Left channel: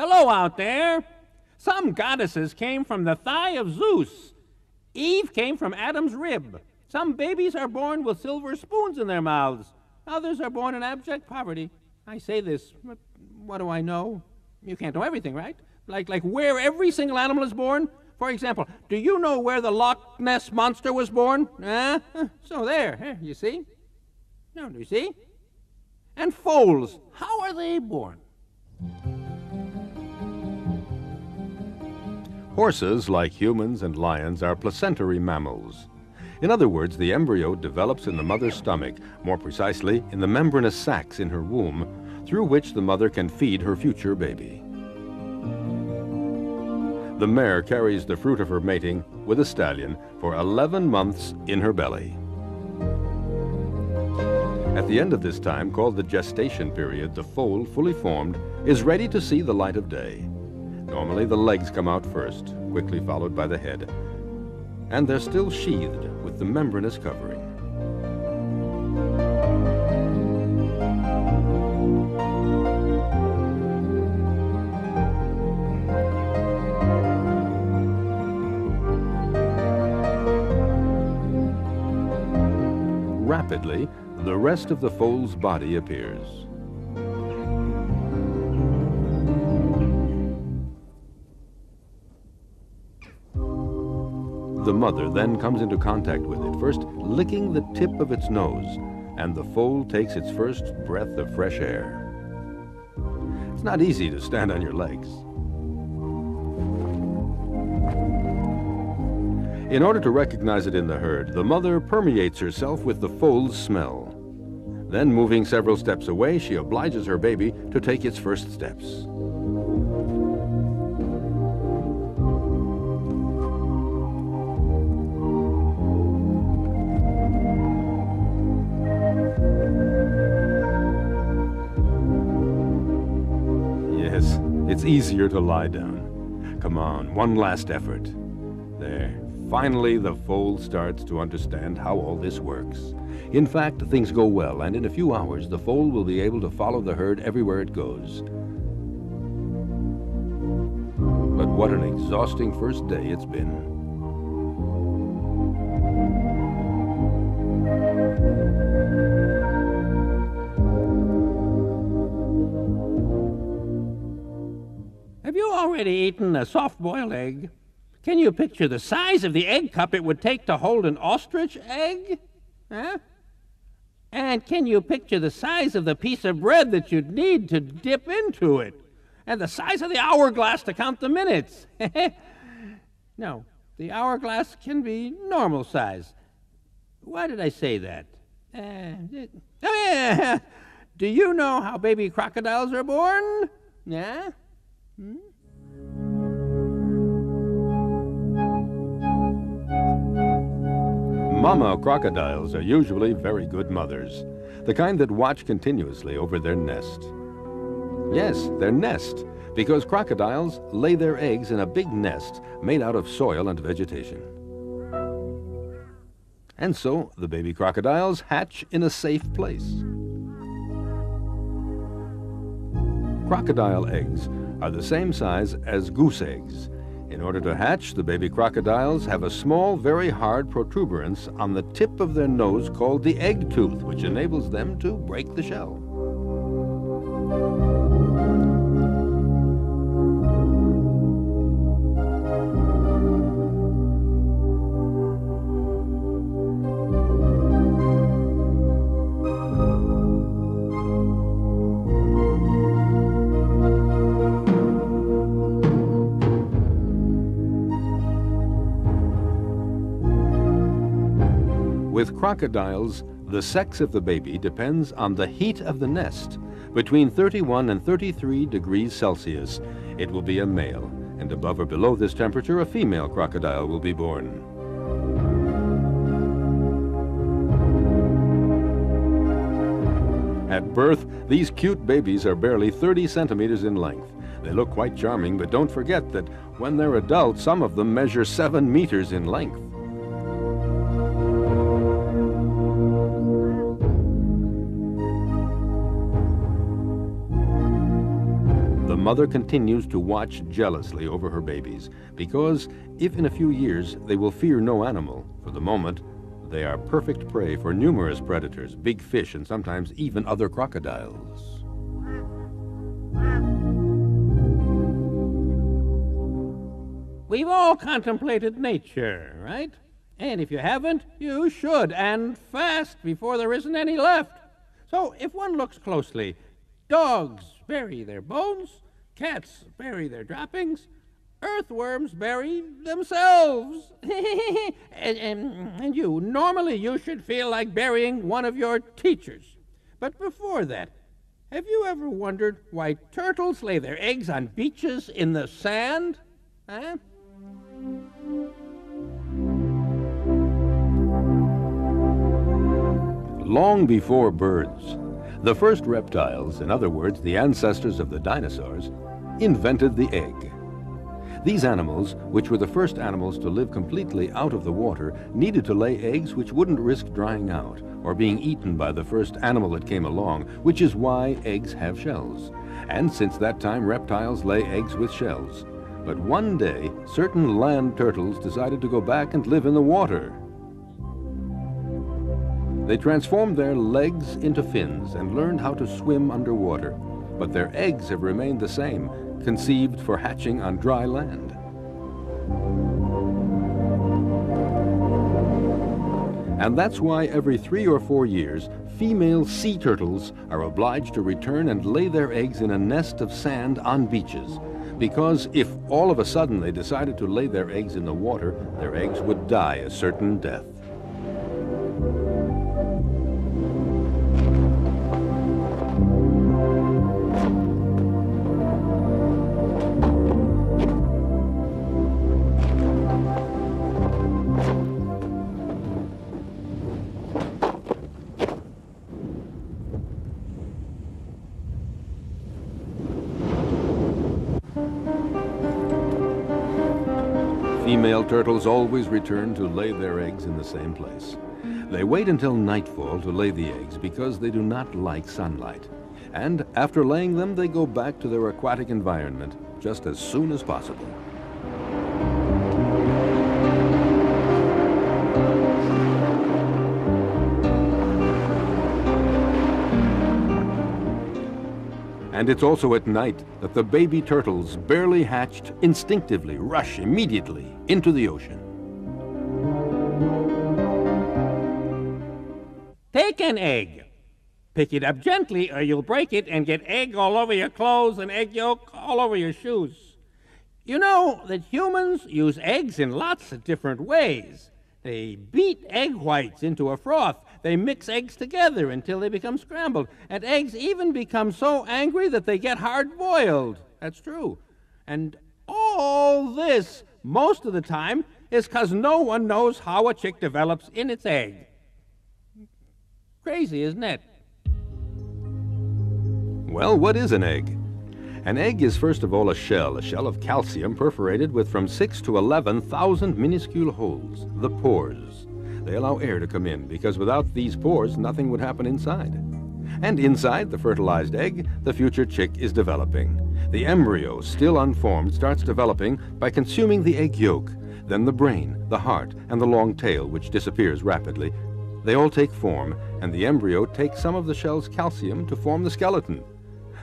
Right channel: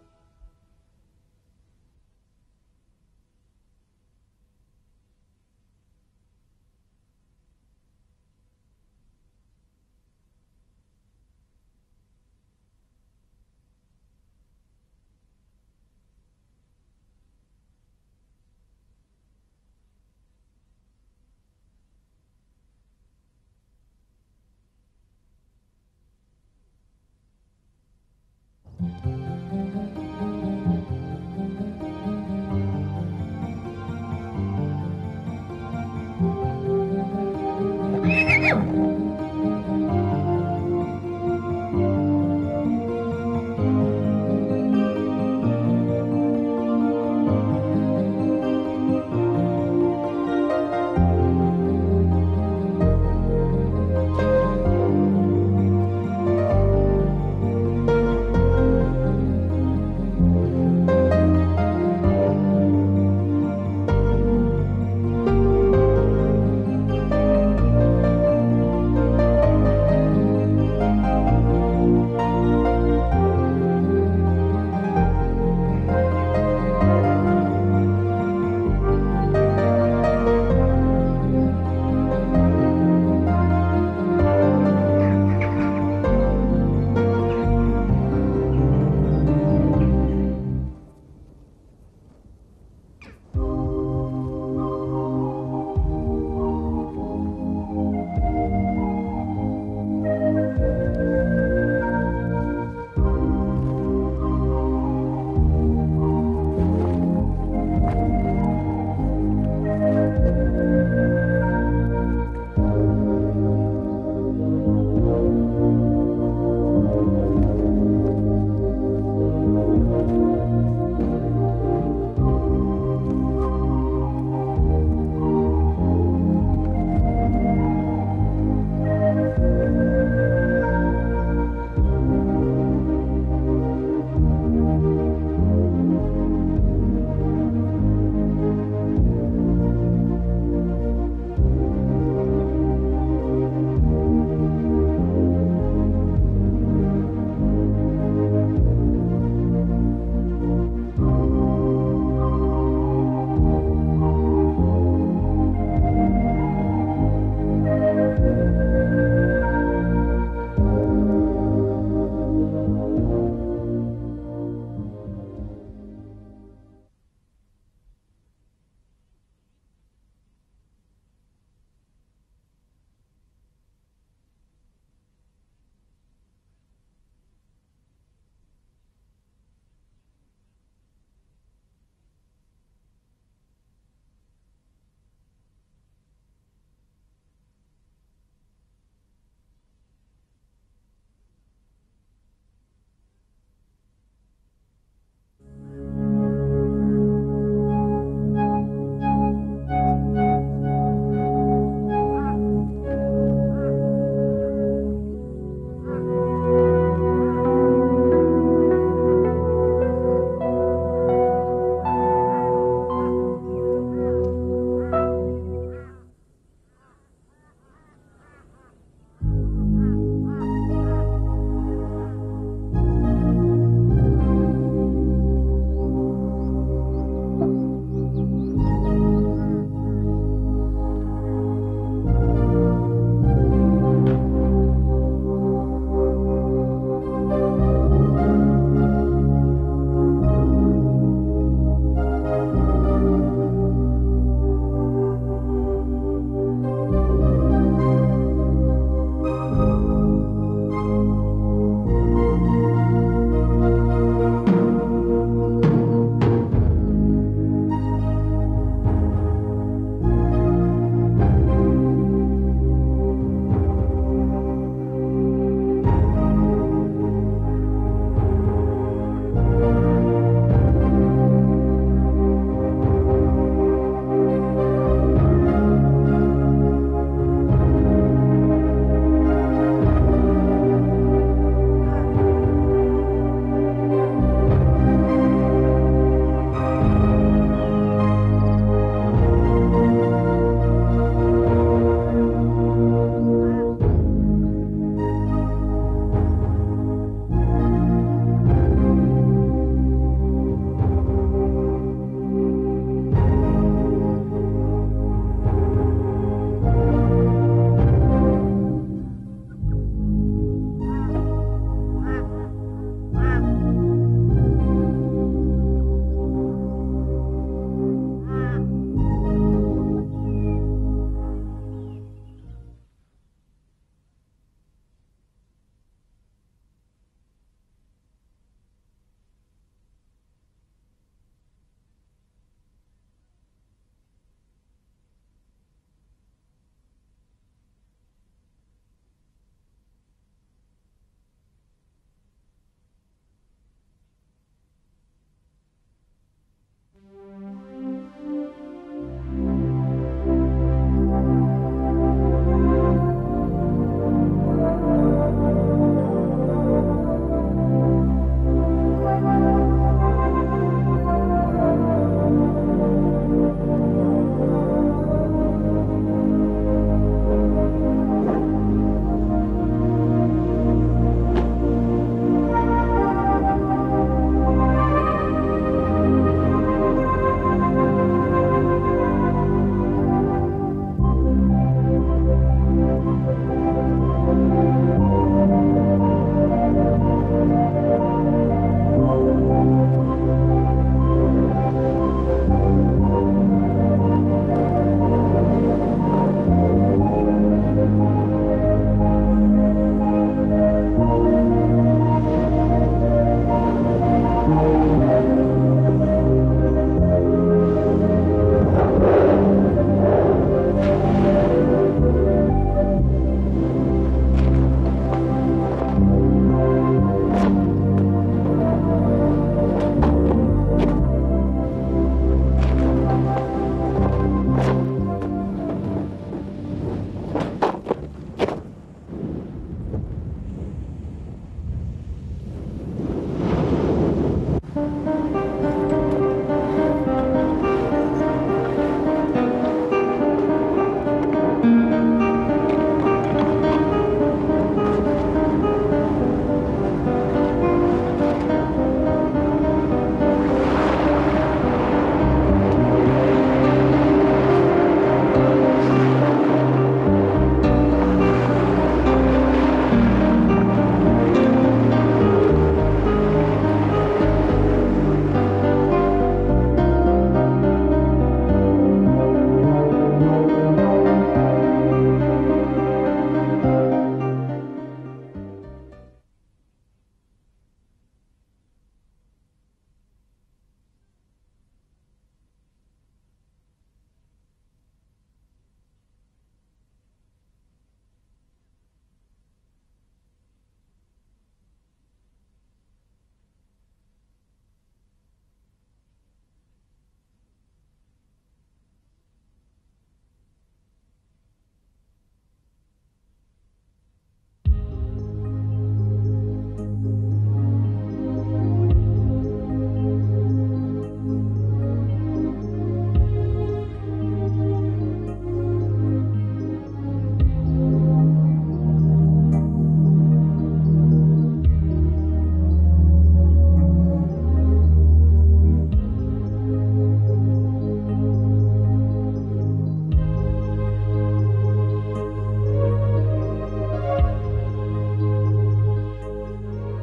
Hello out there. Some goddesses came from the thigh of Zeus. Eve came from Adam's rib. Some babies are born with silver spoons in their mouths. Others are born in abject poverty. I say this, but what do I know? You can't know everything, right? Like where every single animal is born? For example, do you know where the Loch Ness Monster was born? So there, you see? No, do you see? And foals, how are they born? Horses, like humans and lions, are placentary mammals. In other words, the embryo develops in the mother's stomach, more precisely, in the membranous sacs in her womb, through which the mother can feed her future baby. The mare carries the fruit of her mating with a stallion for 11 months in her belly. At the end of this time, called the gestation period, the foal, fully formed, is ready to see the light of day. Normally the legs come out first, quickly followed by the head. And they're still sheathed with the membranous covering. Rapidly, the rest of the foal's body appears. The mother then comes into contact with it, first licking the tip of its nose, and the foal takes its first breath of fresh air. It's not easy to stand on your legs. In order to recognize it in the herd, the mother permeates herself with the foal's smell. Then, moving several steps away, she obliges her baby to take its first steps. It's easier to lie down. Come on, one last effort. There. Finally, the foal starts to understand how all this works. In fact, things go well, and in a few hours, the foal will be able to follow the herd everywhere it goes. But what an exhausting first day it's been. Have you already eaten a soft-boiled egg? Can you picture the size of the egg cup it would take to hold an ostrich egg? Huh? And can you picture the size of the piece of bread that you'd need to dip into it? And the size of the hourglass to count the minutes? No, the hourglass can be normal size. Why did I say that? Do you know how baby crocodiles are born? Yeah? Mama crocodiles are usually very good mothers, the kind that watch continuously over their nest. Yes, their nest, because crocodiles lay their eggs in a big nest made out of soil and vegetation. And so the baby crocodiles hatch in a safe place. Crocodile eggs are the same size as goose eggs. In order to hatch, the baby crocodiles have a small, very hard protuberance on the tip of their nose called the egg tooth, which enables them to break the shell. With crocodiles, the sex of the baby depends on the heat of the nest. Between 31 and 33 degrees Celsius, it will be a male, and above or below this temperature, a female crocodile will be born. At birth, these cute babies are barely 30 centimeters in length. They look quite charming, but don't forget that when they're adults, some of them measure 7 meters in length. The mother continues to watch jealously over her babies, because if in a few years they will fear no animal, for the moment, they are perfect prey for numerous predators, big fish, and sometimes even other crocodiles. We've all contemplated nature, right? And if you haven't, you should, and fast, before there isn't any left. So if one looks closely, dogs bury their bones, cats bury their droppings, earthworms bury themselves. and normally you should feel like burying one of your teachers. But before that, have you ever wondered why turtles lay their eggs on beaches in the sand? Huh? Long before birds, the first reptiles, in other words, the ancestors of the dinosaurs, invented the egg. These animals, which were the first animals to live completely out of the water, needed to lay eggs which wouldn't risk drying out or being eaten by the first animal that came along, which is why eggs have shells. And since that time, reptiles lay eggs with shells. But one day, certain land turtles decided to go back and live in the water. They transformed their legs into fins and learned how to swim underwater, but their eggs have remained the same, conceived for hatching on dry land. And that's why every 3 or 4 years, female sea turtles are obliged to return and lay their eggs in a nest of sand on beaches, because if all of a sudden they decided to lay their eggs in the water, their eggs would die a certain death. Female turtles always return to lay their eggs in the same place. They wait until nightfall to lay the eggs because they do not like sunlight. And after laying them, they go back to their aquatic environment just as soon as possible. And it's also at night the baby turtles, barely hatched, instinctively rush immediately into the ocean. Take an egg. Pick it up gently or you'll break it and get egg all over your clothes and egg yolk all over your shoes. You know that humans use eggs in lots of different ways. They beat egg whites into a froth. They mix eggs together until they become scrambled. And eggs even become so angry that they get hard-boiled. That's true. And all this, most of the time, is because no one knows how a chick develops in its egg. Crazy, isn't it? Well, what is an egg? An egg is first of all a shell of calcium perforated with from 6 to 11,000 minuscule holes, the pores. They allow air to come in, because without these pores, nothing would happen inside. And inside the fertilized egg, the future chick is developing. The embryo, still unformed, starts developing by consuming the egg yolk, then the brain, the heart, and the long tail, which disappears rapidly. They all take form, and the embryo takes some of the shell's calcium to form the skeleton.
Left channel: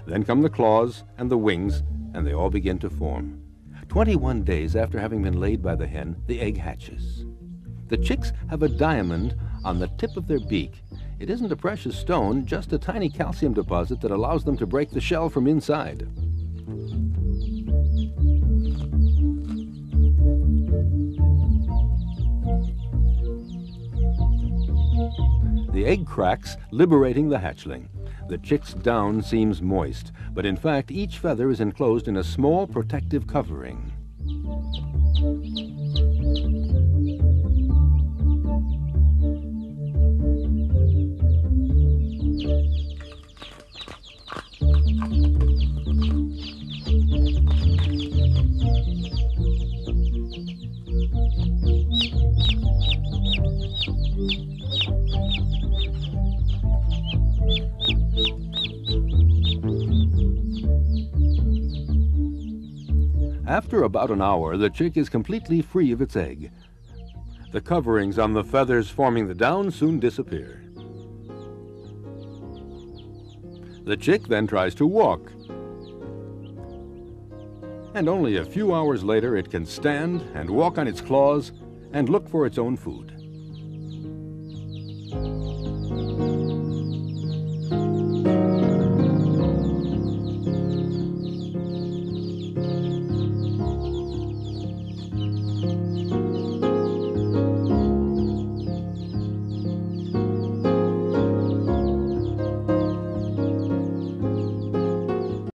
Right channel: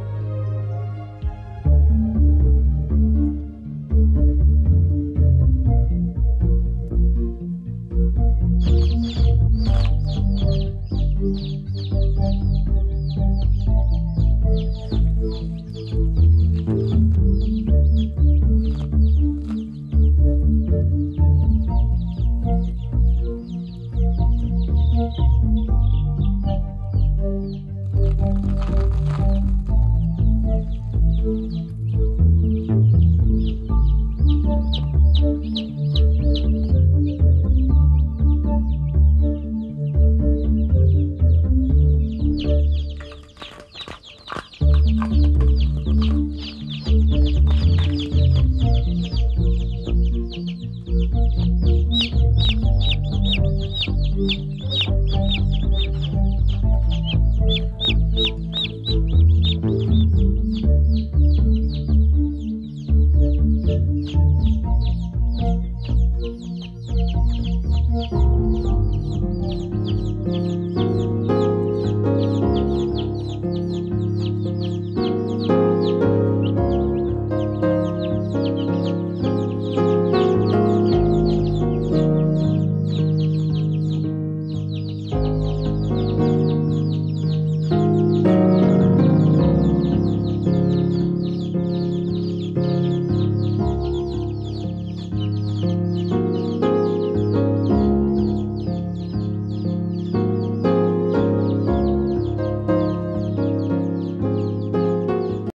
Then come the claws and the wings, and they all begin to form. 21 days after having been laid by the hen, the egg hatches. The chicks have a diamond on the tip of their beak. It isn't a precious stone, just a tiny calcium deposit that allows them to break the shell from inside. The egg cracks, liberating the hatchling. The chick's down seems moist, but in fact each feather is enclosed in a small protective covering. After about an hour, the chick is completely free of its egg. The coverings on the feathers forming the down soon disappear. The chick then tries to walk. And only a few hours later, it can stand and walk on its claws and look for its own food.